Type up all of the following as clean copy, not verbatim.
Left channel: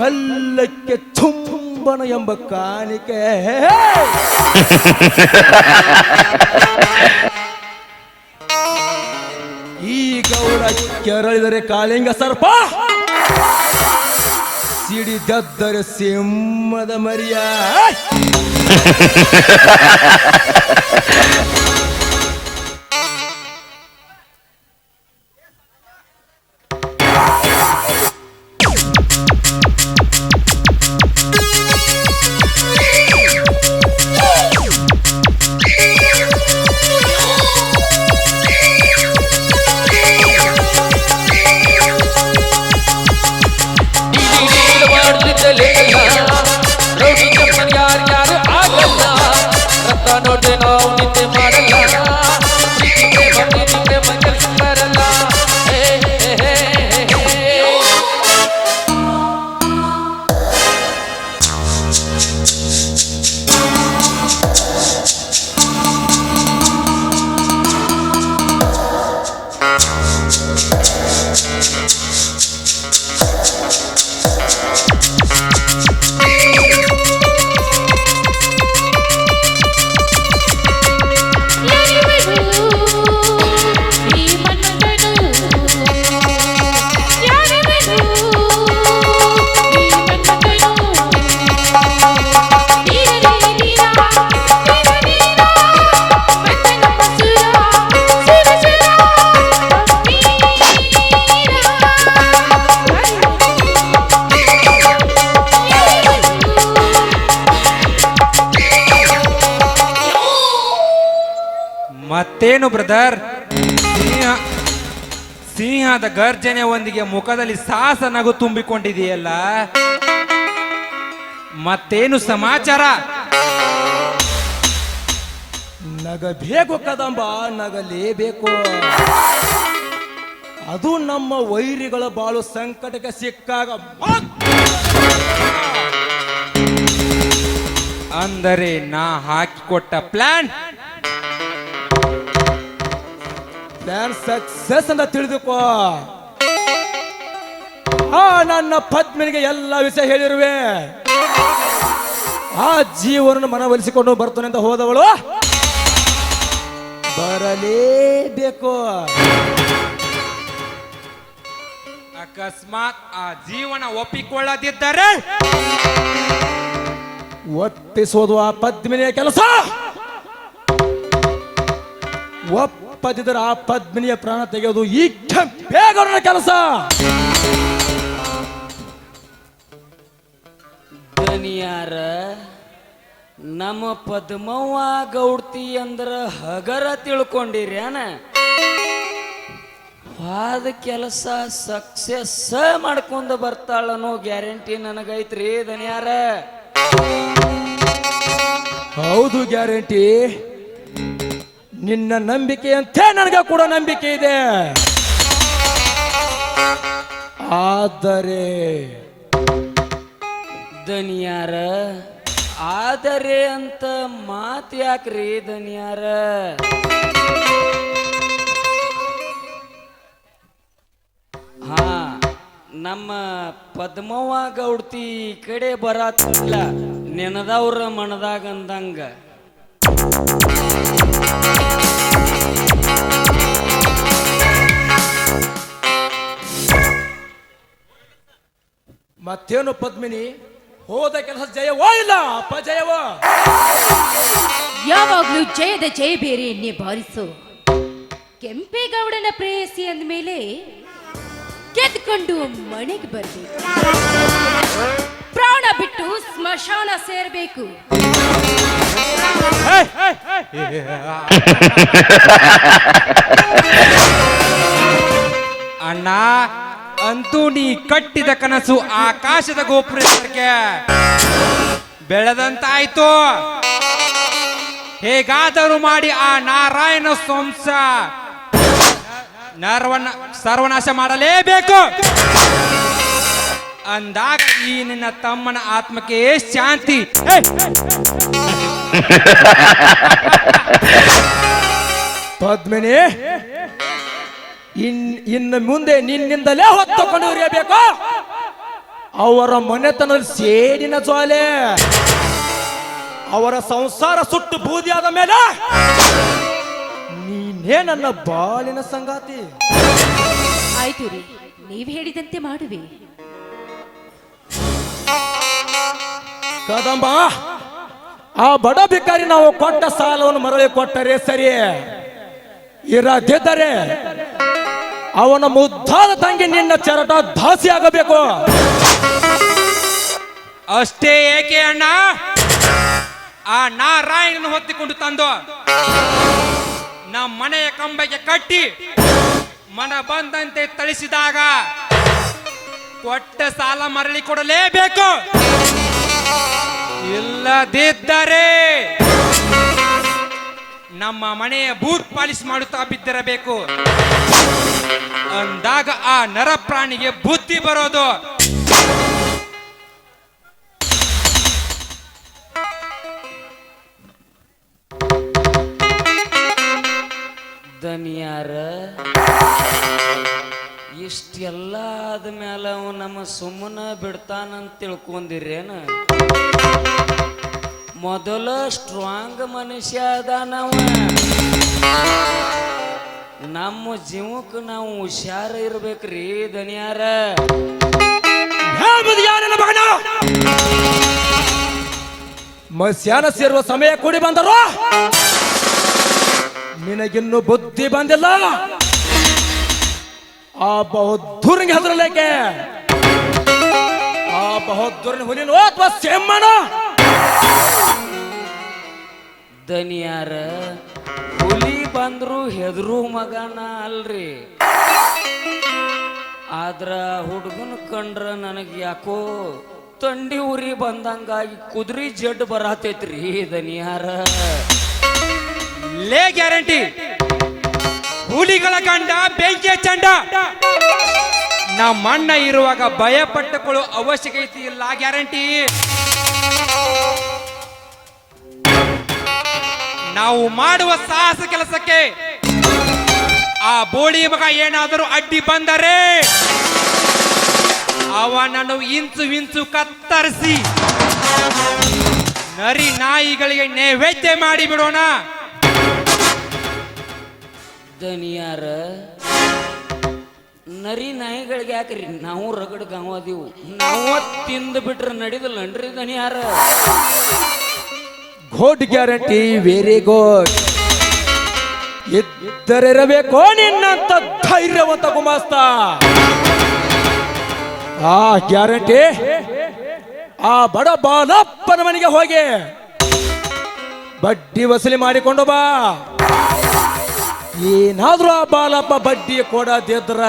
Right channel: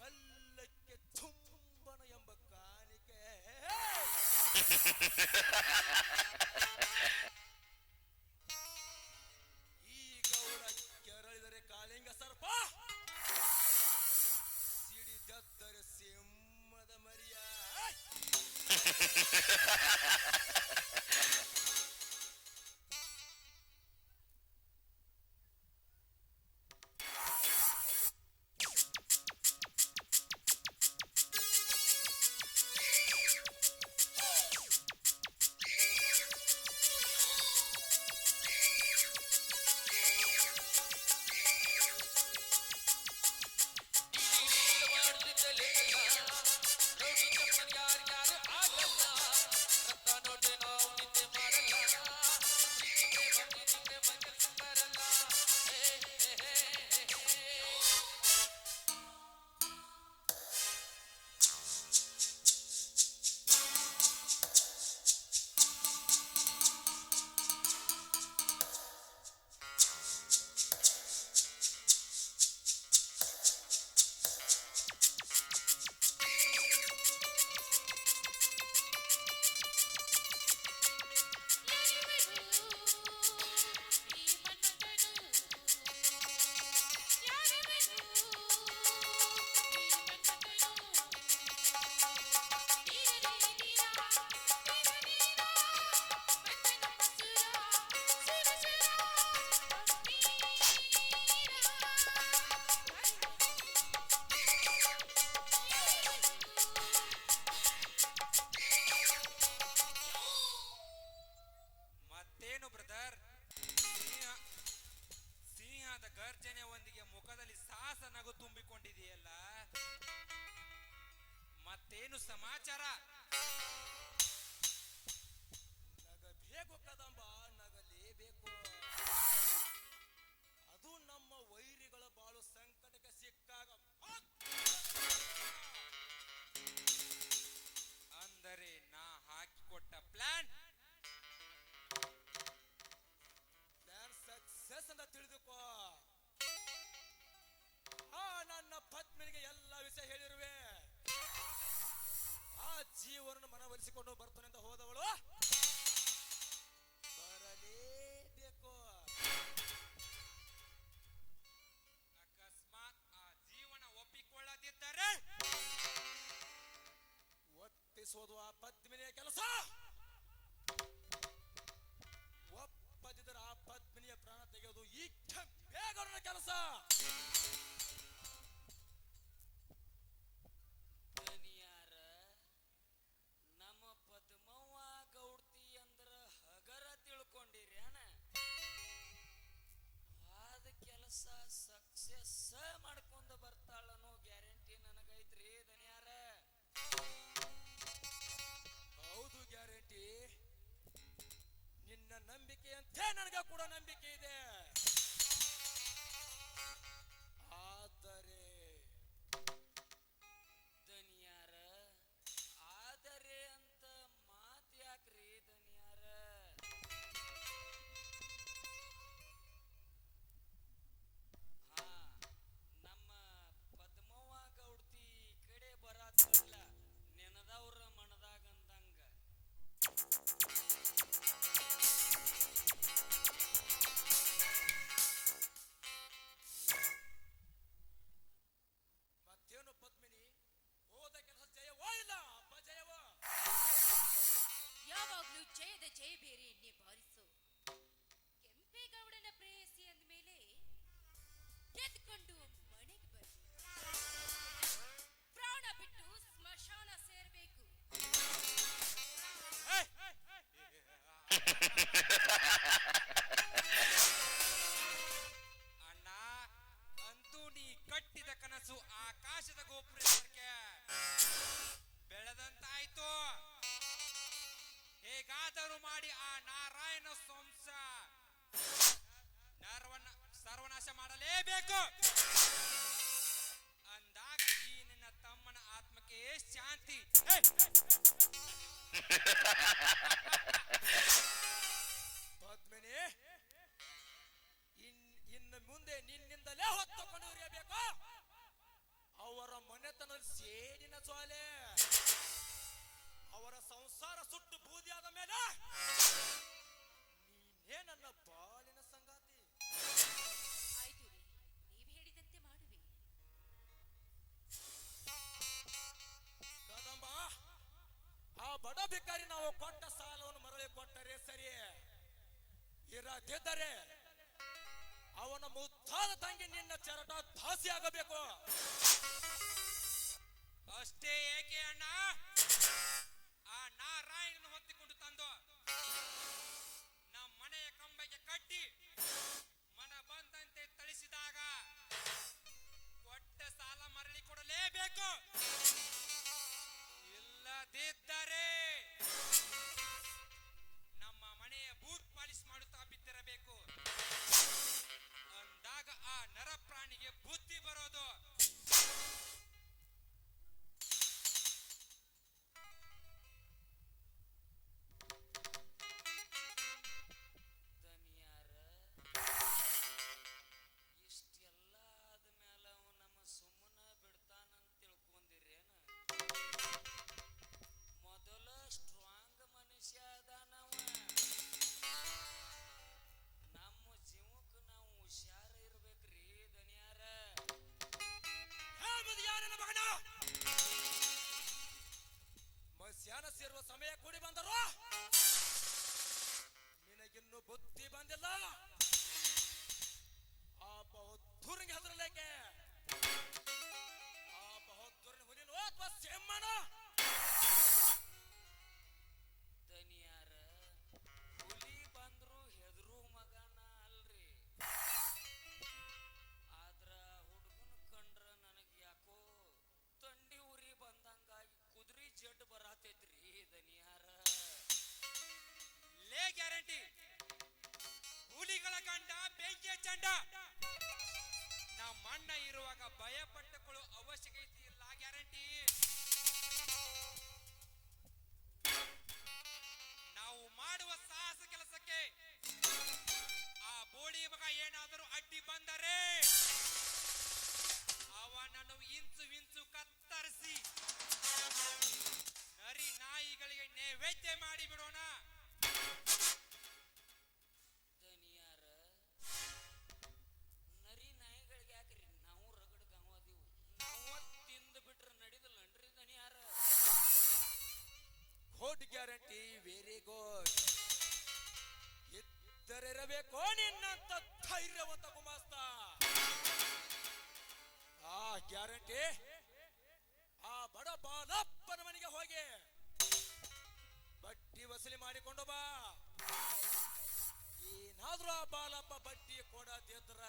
ಗಲ್ಲಕ್ಕೆ ಚುಂಬನ ಎಂಬ ಕಾಣಿಕೆ. ಈ ಗೌಡ ಕೆರಳಿದರೆ ಕಾಳಿಂಗ ಸರ್ಪ, ಸಿಡಿದದ್ದರೆ ಸಿಂಹದ ಮರಿಯ. ಮತ್ತೇನು ಬ್ರದರ್, ಸಿಂಹದ ಗರ್ಜನೆ ಒಂದಿಗೆ ಮುಖದಲ್ಲಿ ಸಾಹಸ ನಗು ತುಂಬಿಕೊಂಡಿದೆಯಲ್ಲ, ಮತ್ತೇನು ಸಮಾಚಾರ? ನಗಬೇಕು ಕದಂಬ, ನಗಲೇಬೇಕು. ಅದು ನಮ್ಮ ವೈರಿಗಳ ಬಾಳು ಸಂಕಟಕ್ಕೆ ಸಿಕ್ಕಾಗ. ಅಂದರೆ ನಾ ಹಾಕಿಕೊಟ್ಟ ಪ್ಲಾನ್ ಸಕ್ಸಸ್ ಅಂತ ತಿಳಿದುಕೋ. ನನ್ನ ಪತ್ನಿಗೆ ಎಲ್ಲ ವಿಷಯ ಹೇಳಿರುವೆ. ಆ ಜೀವನ ಮನವೊಲಿಸಿಕೊಂಡು ಬರ್ತಾನೆ ಅಂತ ಹೋದವಳು ಬರಲೇಬೇಕು. ಅಕಸ್ಮಾತ್ ಆ ಜೀವನ ಒಪ್ಪಿಕೊಳ್ಳದಿದ್ದರೆ ಒಪ್ಪಿಸೋದು ಆ ಪದ್ಮಿನಿಯ ಕೆಲಸ. ಒಪ್ಪದಿದ್ದರೆ ಆ ಪದ್ಮಿನಿಯ ಪ್ರಾಣ ತೆಗೆಯೋದು ಈ ಬೇಗನ ಕೆಲಸ. ದನಿಯಾರ ನಮ್ಮ ಪದ್ಮವ್ವ ಗೌಡ್ತಿ ಅಂದ್ರ ಹಗರ ತಿಳ್ಕೊಂಡಿರ್ಯಾನ? ವಾದ ಕೆಲಸ ಸಕ್ಸೆಸ್ ಮಾಡ್ಕೊಂಡು ಬರ್ತಾಳನ್ನೋ ಗ್ಯಾರಂಟಿ ನನಗೈತ್ರಿ ದನಿಯಾರ. ಹೌದು, ಗ್ಯಾರಂಟಿ. ನಿನ್ನ ನಂಬಿಕೆ ಅಂತ ನನಗೆ ಕೂಡ ನಂಬಿಕೆ ಇದೆ. ಆದರೆ ದನಿಯಾರ, ಆದರೆ ಅಂತ ಮಾತು ಯಾಕ್ರಿ ದನಿಯಾರ? ಹಾ, ನಮ್ಮ ಪದ್ಮವ್ವ ಗೌಡ್ತಿ ಕಡೆ ಬರತ್ತಿಲ್ಲ, ನೆನದವ್ರ ಮನದಾಗ ಅಂದಂಗ. ಮತ್ತೇನು ಪದ್ಮಿನಿ, ಹೋದ ಕೆಲಸ ಜಯವೋ ಇಲ್ಲ ಅಪಜಯವೋ? ಯಾವಾಗ್ಲೂ ಜಯದ ಜಯ ಬೇರೆ ಎನ್ನೆ ಬಾರಿಸು. ಕೆಂಪೇಗೌಡನ ಪ್ರೇಯಸಿ ಅಂದಮೇಲೆ ಗೆದ್ಕೊಂಡು ಮನೆಗೆ ಬರ್ಬೇಕು, ಪ್ರಾಣ ಬಿಟ್ಟು ಸ್ಮಶಾನ ಸೇರ್ಬೇಕು. ಅಣ್ಣ, ಅಂತೂ ನೀ ಕಟ್ಟಿದ ಕನಸು ಆಕಾಶದ ಗೋಪುರಕ್ಕೆ ಬೆಳೆದಂತಾಯ್ತು. ಹೇಗಾದರೂ ಮಾಡಿ ಆ ನಾರಾಯಣ ವಂಶ ಸರ್ವನಾಶ ಮಾಡಲೇಬೇಕು. ಅಂದಾಗ ಈ ನಿನ್ನ ತಮ್ಮನ ಆತ್ಮಕ್ಕೆ ಶಾಂತಿ. ಪದ್ಮಿನಿ, ಇನ್ನು ಮುಂದೆ ನಿನ್ನಿಂದಲೇ ಹೊತ್ತುಕೊಂಡು ಇರಬೇಕು. ಅವರ ಮನೆತನದಲ್ಲಿ ಸೇಡಿನ ಜ್ವಾಲೆ, ಅವರ ಸಂಸಾರ ಸುಟ್ಟು ಬೂದಿಯಾದ ಮೇಲೆ ನೀನೇ ನನ್ನ ಬಾಳಿನ ಸಂಗಾತಿ. ಆಯ್ತು ರೀ, ನೀವ್ ಹೇಳಿದಂತೆ ಮಾಡುವೆ. ಕದಂಬ, ಆ ಬಡ ಭಿಕಾರಿ ನಾವು ಕೊಟ್ಟ ಸಾಲವನ್ನು ಮರಳಿ ಕೊಟ್ಟರೆ ಸರಿ, ಇರದಿದ್ದರೆ ಅವನ ಮುದ್ದಾದ ತಂಗಿ ನಿನ್ನ ಚರಟ ದಾಸಿ ಆಗಬೇಕು. ಅಷ್ಟೇ ಏಕೆ ಅಣ್ಣ? ಆ ನಾರಾಯಣನ ಹೊತ್ತಿಕೊಂಡು ತಂದು ನಮ್ಮ ಮನೆಯ ಕಂಬಕ್ಕೆ ಕಟ್ಟಿ ಮನ ಬಂದಂತೆ ಥಳಿಸಿದಾಗ ಕೊಟ್ಟ ಸಾಲ ಮರಳಿ ಕೊಡಲೇಬೇಕು. ಇಲ್ಲದಿದ್ದರೆ ನಮ್ಮ ಮನೆಯ ಬೂತ್ ಪಾಲಿಶ್ ಮಾಡುತ್ತಾ ಬಿದ್ದಿರಬೇಕು. ಅಂದಾಗ ಆ ನರ ಪ್ರಾಣಿಗೆ ಬುದ್ಧಿ ಬರೋದು. ದನಿಯಾರ ಇಷ್ಟೆಲ್ಲ ಆದ್ಮೇಲೆ ಅವ ನಮ್ಮ ಸುಮ್ಮನ ಬಿಡ್ತಾನಂತ ತಿಳ್ಕೊಂಡಿರೇನ? ಮೊದಲ ಸ್ಟ್ರಾಂಗ್ ಮನುಷ್ಯ ಅದಾನವ. ನಮ್ಮ ಜೀವಕ್ಕೆ ನಾವು ಹುಷಾರ ಇರ್ಬೇಕ್ರಿ ದನಿಯಾರ. ಮಸ್ಯಾನ ಸೇರುವ ಸಮಯ ಕೂಡಿ ಬಂದರು, ನಿನಗಿನ್ನು ಬುದ್ಧಿ ಬಂದಿಲ್ಲ. ಆ ಬಹದ್ದೂರಿಗೆ ಹೆಸರಲೇಕೆ? ಆ ಬಹದ್ದೂರಿನ ಹುಲಿನೋ ಅಥವಾ ಸಿಂಹನ? ದನಿಯಾರ ಹುಲಿ ಬಂದ್ರು ಹೆದರು ಮಗನ ಅಲ್ರಿ. ಆದ್ರ ಹುಡುಗನ ಕಂಡ್ರ ನನಗೆ ಯಾಕೋ ತಂಡಿ ಉರಿ ಬಂದಂಗಾಗಿ ಕುದುರೆ ಜಡ್ ಬರತೈತ್ರಿ ದನಿಯಾರ. ಲೇ ಗ್ಯಾರಂಟಿ, ಹುಲಿಗಳ ಗಂಡ ಬೆಂಕಿಯ ಚಂಡ. ನಮ್ಮ ಅಣ್ಣ ಇರುವಾಗ ಭಯ ಪಟ್ಟುಕೊಳ್ಳೋ ಅವಶ್ಯಕತೆ ಇಲ್ಲ. ಗ್ಯಾರಂಟಿ, ನಾವು ಮಾಡುವ ಸಾಹಸ ಕೆಲಸಕ್ಕೆ ಆ ಬೋಳಿ ಮಗ ಏನಾದರೂ ಅಡ್ಡಿ ಬಂದರೆ ಅವನನ್ನು ಇಂಚು ಕತ್ತರಿಸಿ ನರಿ ನಾಯಿಗಳಿಗೆ ನೈವೇದ್ಯ ಮಾಡಿ ಬಿಡೋಣ. ದನಿಯಾರ ನರಿ ನಾಯಿಗಳಿಗೆ ಯಾಕ್ರಿ? ನಾವು ರಗಡ್ ಗಾವದೀವು, ನಾವು ತಿಂದು ಬಿಟ್ರೆ ನಡಿದಲ್ಲನ್ರಿ ದನಿಯಾರ. Good guarantee, very good. ಇದ್ದರಿರಬೇಕು ನಿನ್ನಂತ ಧೈರ್ಯವಂತ ಗುಮಾಸ್ತ. ಆ ಗ್ಯಾರಂಟಿ, ಆ ಬಡ ಬಾಲಪ್ಪನ ಮನೆಗೆ ಹೋಗಿ ಬಡ್ಡಿ ವಸೂಲಿ ಮಾಡಿಕೊಂಡು ಬಾ. ಏನಾದ್ರೂ ಆ ಬಾಲಪ್ಪ ಬಡ್ಡಿ ಕೊಡದಿದ್ರ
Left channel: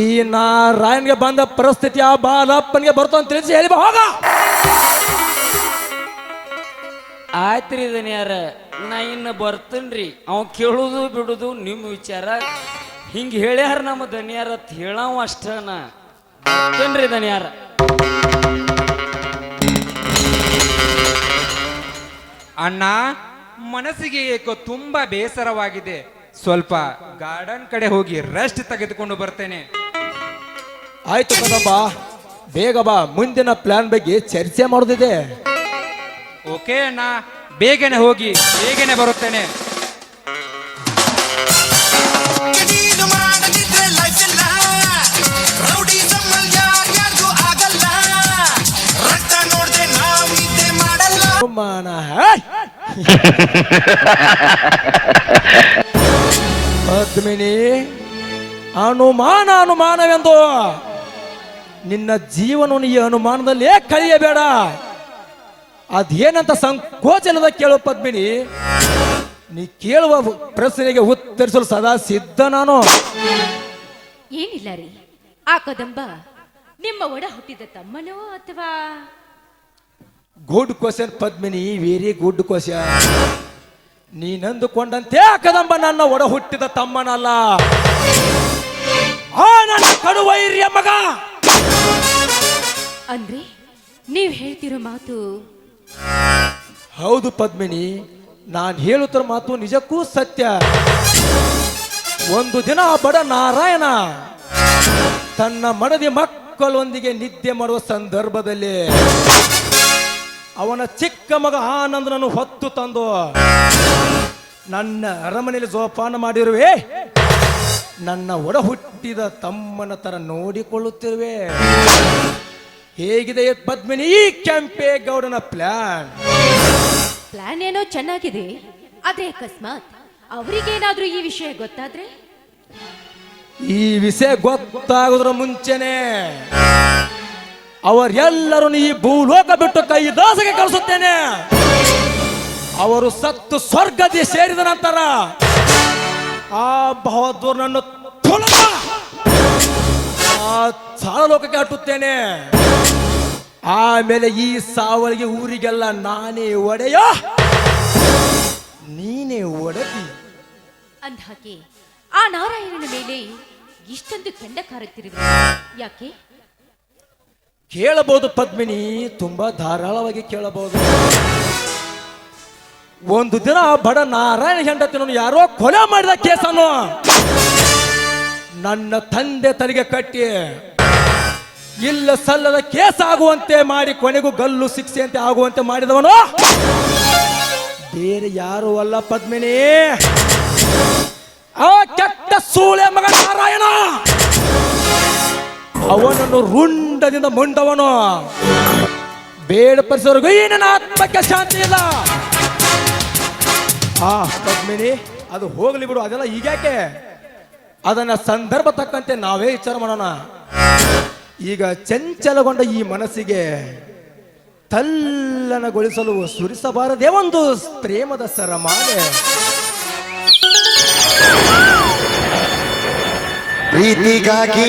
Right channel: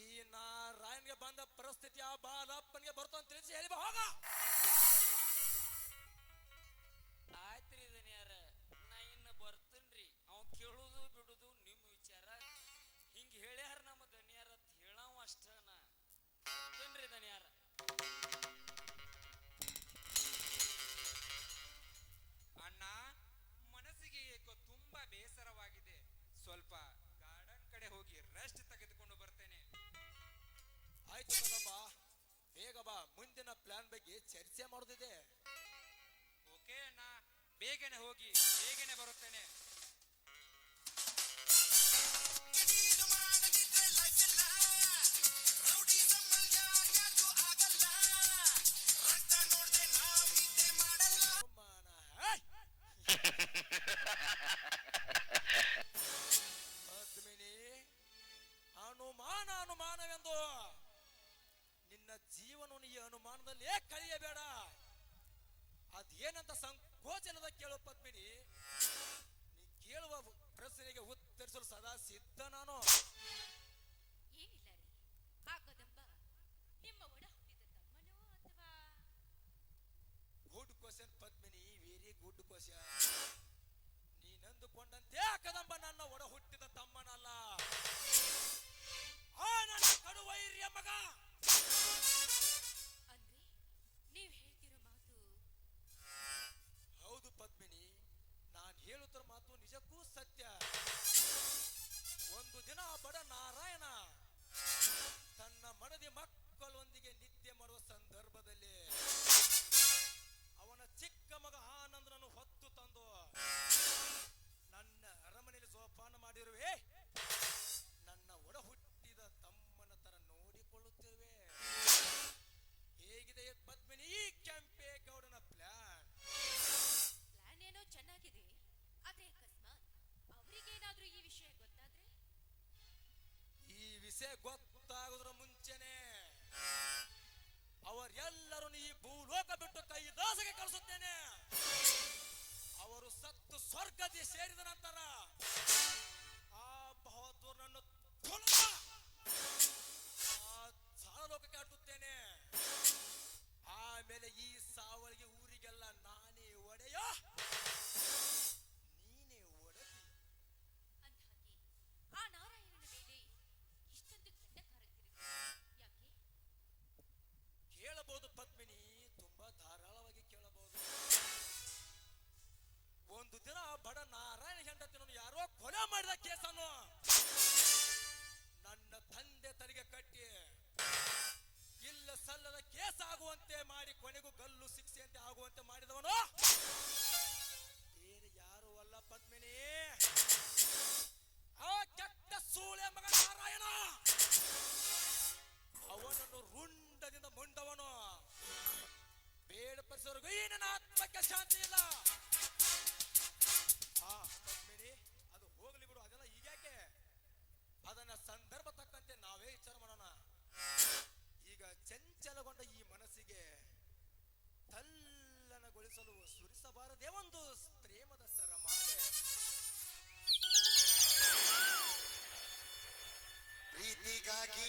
ಈ ನಾರಾಯಣ್ಗೆ ಬಂದ ಪರಿಸ್ಥಿತಿ ಆ ಬಾಲಪ್ಪನಿಗೆ ಬರ್ತಾವ ಅಂತ ತಿಳಿಸಿ ಹೇಳಿ ಬಾ, ಹೋಗ. ಆಯ್ತ್ರಿ ದನಿಯಾರ, ನಾ ಇನ್ನು ಬರ್ತೇನ್ರಿ. ಅವ್ ಕೇಳುದು ಬಿಡುದು ನಿಮ್ಮ ವಿಚಾರ. ಹಿಂಗ ಹೇಳ್ಯಾರ ನಮ್ಮ ದನಿಯಾರ ಅಂತ ಹೇಳವ ಅಷ್ಟನ. ಬರ್ತೇನ್ರಿ ದನಿಯಾರ. ಅಣ್ಣ, ಮನಸ್ಸಿಗೆ ಏಕೋ ತುಂಬಾ ಬೇಸರವಾಗಿದೆ. ಸ್ವಲ್ಪ ಗಾರ್ಡನ್ ಕಡೆ ಹೋಗಿ ರೆಸ್ಟ್ ತೆಗೆದುಕೊಂಡು ಬರ್ತೇನೆ. ಆಯ್ತು ಕದಮ್ಮ, ಬೇಗ ಬಾ. ಮುಂದಿನ ಪ್ಲಾನ್ ಬಗ್ಗೆ ಚರ್ಚೆ ಮಾಡೋದಿದೆ. ಓಕೆ ಅಣ್ಣ, ಬೇಗನೆ ಹೋಗಿ ಬೇಗನೆ ಬರುತ್ತೇನೆ. ಪದ್ಮಿನಿ, ಅನುಮಾನವೆಂದು ನಿನ್ನ ಜೀವನವನ್ನು ಈ ಅನುಮಾನದಲ್ಲೇ ಕಳೆಯಬೇಡ. ಅದೇನಂತ ಸಂಕೋಚನದ ಕೇಳು ಪದ್ಮಿನಿ. ನೀ ಕೇಳುವ ಪ್ರಶ್ನೆಗೆ ಉತ್ತರಿಸಲು ಸದಾ ಸಿದ್ಧ ನಾನು. ಏನಿಲ್ಲ ರೀ, ಆ ಕದಂಬ ನಿಮ್ಮ ಒಡ ಹುಟ್ಟಿದ ತಮ್ಮನೋ ಅಥವಾ? Good question Padmini, very good question. ನೀನಂದುಕೊಂಡಂತೆ ಆ ಕದಂಬ ನನ್ನ ಒಡ ಹುಟ್ಟಿದ ತಮ್ಮನಲ್ಲ, ಆ ನನ್ನ ಕಡುವೈರ್ಯ ಮಗ. ಅಂದ್ರೆ ನೀವ್ ಹೇಳ್ತಿರೋ ಮಾತು? ಹೌದು ಪದ್ಮಿನಿ, ನಾನು ಹೇಳುತ್ತಿರೋ ಮಾತು ನಿಜಕ್ಕೂ ಸತ್ಯ. ಒಂದು ದಿನ ಆ ಬಡ ನಾರಾಯಣ ತನ್ನ ಮಡದಿ ಮಕ್ಕಳೊಂದಿಗೆ ನಿದ್ದೆ ಮಾಡುವ ಸಂದರ್ಭದಲ್ಲಿ ಅವನ ಚಿಕ್ಕ ಮಗ ಆನಂದನನ್ನು ಹೊತ್ತು ತಂದು ನನ್ನ ಅರಮನೆಯಲ್ಲಿ ಜೋಪಾನ ಮಾಡಿರುವೆ. ನನ್ನ ಒಡ ಹುಟ್ಟಿದ ತಮ್ಮನ ತರ ನೋಡಿಕೊಳ್ಳುತ್ತಿರುವೆ. ಹೇಗಿದೆ ಪದ್ಮಿನಿ ಈ ಕೆಂಪೇಗೌಡನ ಪ್ಲಾನ್? ಪ್ಲಾನ್ ಏನೋ ಚೆನ್ನಾಗಿದೆ, ಆದ್ರೆ ಅಕಸ್ಮಾತ್ ಅವರಿಗೇನಾದ್ರೂ ಈ ವಿಷಯ ಗೊತ್ತಾದ್ರೆ? ಈ ವಿಷಯ ಗೊತ್ತಾಗೋದ್ರ ಮುಂಚೆನೆ ಅವರೆಲ್ಲರೂ ಈ ಭೂಲೋಕ ಬಿಟ್ಟು ಕೈ ದಾಸಗೆ ಕಳಿಸುತ್ತೇನೆ. ಅವರು ಸತ್ತು ಸ್ವರ್ಗದಿ ಸೇರಿದ ನಂತರ ಆ ಬಹದ್ದೂರ್ನನ್ನು ತೊಳೆದ ಆ ಸಾಳಲೋಕಕ್ಕೆ ಅಟ್ಟುತ್ತೇನೆ. ಆಮೇಲೆ ಈ ಸಾವಳಿಗೆ ಊರಿಗೆಲ್ಲ ನಾನೇ ಒಡೆಯ, ನೀನೇ ಒಡತಿ. ಅಂದ್ಹಾಗೆ ಆ ನಾರಾಯಣನ ಮೇಲೆ ಇಷ್ಟೊಂದು ಕೆಂಡ ಕಾರುತ್ತಿರುವೆ ಯಾಕೆ? ಕೇಳಬಹುದು ಪದ್ಮಿನಿ, ತುಂಬಾ ಧಾರಾಳವಾಗಿ ಕೇಳಬಹುದು. ಒಂದು ದಿನ ಬಡ ನಾರಾಯಣ ಹೆಂಡತಿನನ್ನು ಯಾರೋ ಕೊಲೆ ಮಾಡಿದ ಕೇಸನ್ನು ನನ್ನ ತಂದೆ ತಲೆಗೆ ಕಟ್ಟಿ ಇಲ್ಲ ಸಲ್ಲದ ಕೇಸ್ ಆಗುವಂತೆ ಮಾಡಿ ಕೊನೆಗೂ ಗಲ್ಲು ಶಿಕ್ಷೆಯಂತೆ ಆಗುವಂತೆ ಮಾಡಿದವನು ಬೇರೆ ಯಾರು ಅಲ್ಲ ಪದ್ಮಿನಿ, ಆ ಕೆಟ್ಟ ಸೂಳೆ ಮಗ ನಾರಾಯಣ. ಅವನನ್ನು ರುಂಡದಿಂದ ಮುಂಡವನು ಬೇಡಪಡಿಸೋರ್ಗು ಏನೇನ ಆತ್ಮಕ್ಕೆ ಶಾಂತಿ ಇಲ್ಲ. ಆ ಪದ್ಮಿನಿ, ಅದು ಹೋಗ್ಲಿ ಬಿಡು, ಅದೆಲ್ಲ ಈಗ್ಯಾಕೆ? ಅದನ್ನ ಸಂದರ್ಭ ತಕ್ಕಂತೆ ನಾವೇ ವಿಚಾರ ಮಾಡೋಣ. ಈಗ ಚಂಚಲಗೊಂಡ ಈ ಮನಸ್ಸಿಗೆ ತಲ್ಲನಗೊಳಿಸಲು ಸುರಿಸಬಾರದೇ ಒಂದು ಪ್ರೇಮದ ಸರಮಾಲೆ. ಪ್ರೀತಿಗಾಗಿ